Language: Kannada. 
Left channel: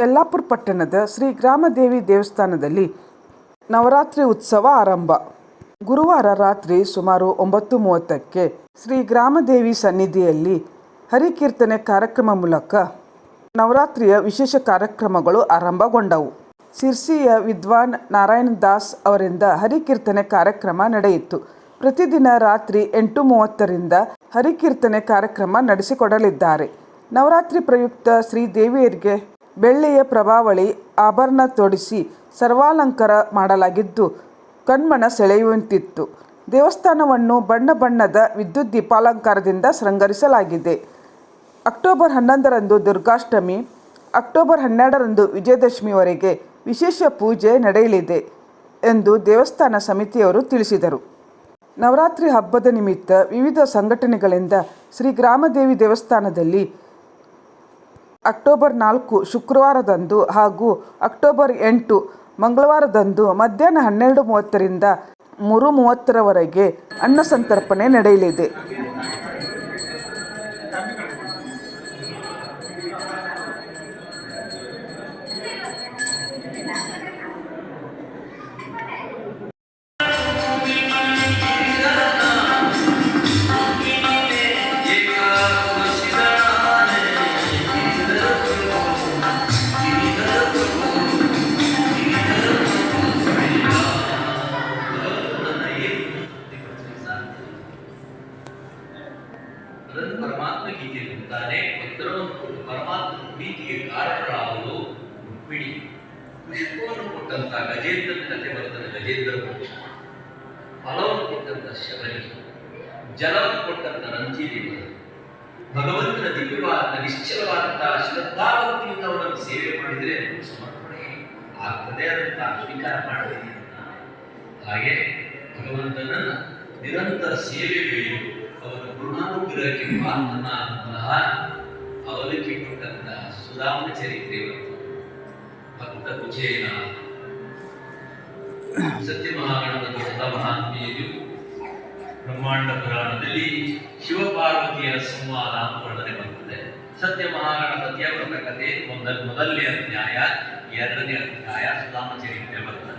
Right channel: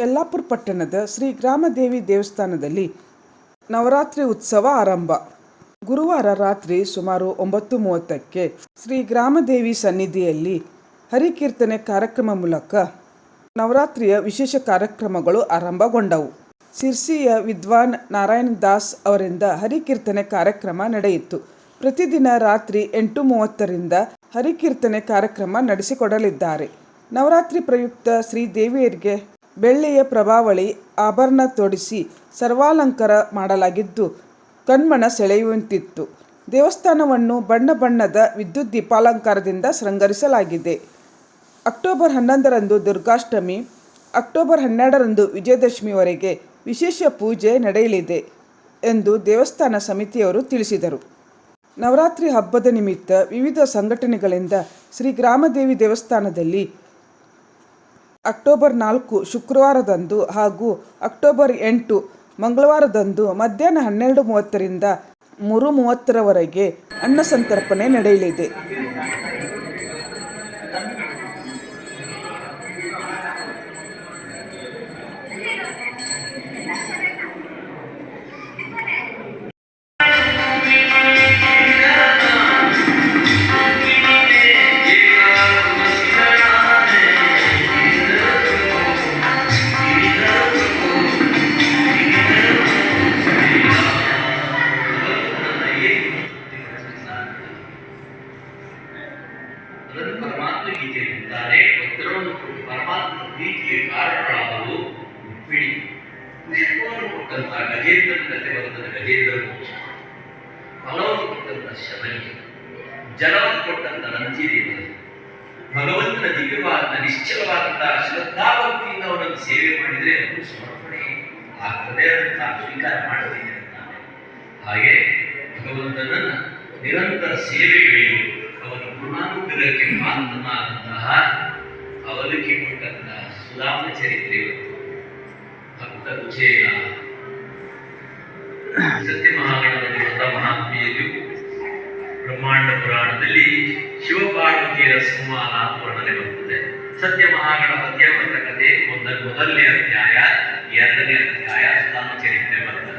ಯಲ್ಲಾಪುರ ಪಟ್ಟಣದ ಶ್ರೀ ಗ್ರಾಮದೇವಿ ದೇವಸ್ಥಾನದಲ್ಲಿ ನವರಾತ್ರಿ ಉತ್ಸವ ಆರಂಭ. ಗುರುವಾರ ರಾತ್ರಿ ಸುಮಾರು ಒಂಬತ್ತು ಮೂವತ್ತಕ್ಕೆ ಶ್ರೀ ಗ್ರಾಮದೇವಿ ಸನ್ನಿಧಿಯಲ್ಲಿ ಹರಿಕೀರ್ತನೆ ಕಾರ್ಯಕ್ರಮ ಮೂಲಕ ನವರಾತ್ರಿಯ ವಿಶೇಷ ಕಾರ್ಯಕ್ರಮಗಳು ಆರಂಭಗೊಂಡವು. ಸಿರ್ಸಿಯ ವಿದ್ವಾನ್ ನಾರಾಯಣ ದಾಸ್ ಅವರಿಂದ ಹರಿಕೀರ್ತನೆ ಕಾರ್ಯಕ್ರಮ ನಡೆಯಿತು. ಪ್ರತಿದಿನ ರಾತ್ರಿ ಎಂಟು ಮೂವತ್ತರಿಂದ ಹರಿಕೀರ್ತನೆ ಕಾರ್ಯಕ್ರಮ ನಡೆಸಿಕೊಡಲಿದ್ದಾರೆ. ನವರಾತ್ರಿ ಪ್ರಯುಕ್ತ ಶ್ರೀದೇವಿಯರಿಗೆ ಬೆಳ್ಳಿಯ ಪ್ರಭಾವಳಿ ಆಭರಣ ತೊಡಿಸಿ ಸರ್ವಾಲಂಕಾರ ಮಾಡಲಾಗಿದ್ದು, ಕಣ್ಮನ ಸೆಳೆಯುವಂತಿತ್ತು. ದೇವಸ್ಥಾನವನ್ನು ಬಣ್ಣ ಬಣ್ಣದ ವಿದ್ಯುತ್ ದೀಪಾಲಂಕಾರದಿಂದ ಶೃಂಗರಿಸಲಾಗಿದೆ. ಅಕ್ಟೋಬರ್ ಹನ್ನೊಂದರಂದು ದುರ್ಗಾಷ್ಟಮಿ, ಅಕ್ಟೋಬರ್ ಹನ್ನೆರಡರಂದು ವಿಜಯದಶಮಿವರೆಗೆ ವಿಶೇಷ ಪೂಜೆ ನಡೆಯಲಿದೆ ಎಂದು ದೇವಸ್ಥಾನ ಸಮಿತಿಯವರು ತಿಳಿಸಿದರು. ನವರಾತ್ರಿ ಹಬ್ಬದ ನಿಮಿತ್ತ ವಿವಿಧ ಸಂಘಟನೆಗಳಿಂದ ಶ್ರೀ ಗ್ರಾಮದೇವಿ ದೇವಸ್ಥಾನದಲ್ಲಿ ಅಕ್ಟೋಬರ್ ನಾಲ್ಕು ಶುಕ್ರವಾರದಂದು ಹಾಗೂ ಅಕ್ಟೋಬರ್ ಎಂಟು ಮಂಗಳವಾರದಂದು ಮಧ್ಯಾಹ್ನ ಹನ್ನೆರಡು ಮೂವತ್ತರಿಂದ ಮೂರು ಮೂವತ್ತರವರೆಗೆ ಅನ್ನ ಸಂತರ್ಪಣೆ ನಡೆಯಲಿದೆ. ಎನ್ನುತ್ತಾರೆ ಉತ್ತರವನ್ನು ಕೊಟ್ಟು ಪರಮಾತ್ಮ ಪ್ರೀತಿಗೆ ಬಿಡಿ. ಪುಷ್ಪವನ್ನು ಕೊಟ್ಟಂತ ಗಜೇಂದ್ರನ ಕಥೆ ಗಜೇಂದ್ರ ಮೋಕ್ಷ ಫಲವನ್ನು ಕೊಟ್ಟಂತ ಶಬರಿ, ಜಲವನ್ನು ಕೊಟ್ಟಂತ ನಂಜೀದೇವರು ಭಗವಂತನ ದಿವ್ಯವಾದ ನಿಶ್ಚಲವಾದಂತಹ ಸೇವೆ ಮಾಡಿದರೆ ಅದು ಸಮರ್ಪಣೆ ಆಗ್ತದೆ ಅದನ್ನು ಸ್ವೀಕಾರ ಹಾಗೆ ಭಗವಂತನನ್ನ ನಿರಂತರ ಸೇವೆಗಳಿಗೆ ಅವನ ಗುಣಾನುಗ್ರಹಕ್ಕೆ ಪಾತ್ರನಾದಂತಹ ಅವಲಿಕೆ ಕೊಟ್ಟಂತಹ ಸುಧಾಮ ಚರಿತ್ರೆ ಭಕ್ತ ವಿಜಯ ಸತ್ಯ ಮಹಾಗಣದಲ್ಲಿ ಹೊಸ ಮಹಾತ್ಮೆಯಲ್ಲಿ ಬ್ರಹ್ಮಾಂಡ ಪುರಾಣದಲ್ಲಿ ಶಿವಪಾರ್ವತಿಯ ಸಂವಾದ ಅಂತ ವರ್ಣನೆ ಬರ್ತದೆ ಸತ್ಯ ಮಹಾಗಣಪತಿಯ ಕಥೆ ಒಂದ ಮೊದಲನೇ ಅಧ್ಯಾಯ, ಎರಡನೇ ಅಧ್ಯಾಯ ಸುಧಾಮ ಚರಿತ್ರೆ ಬರ್ತದೆ.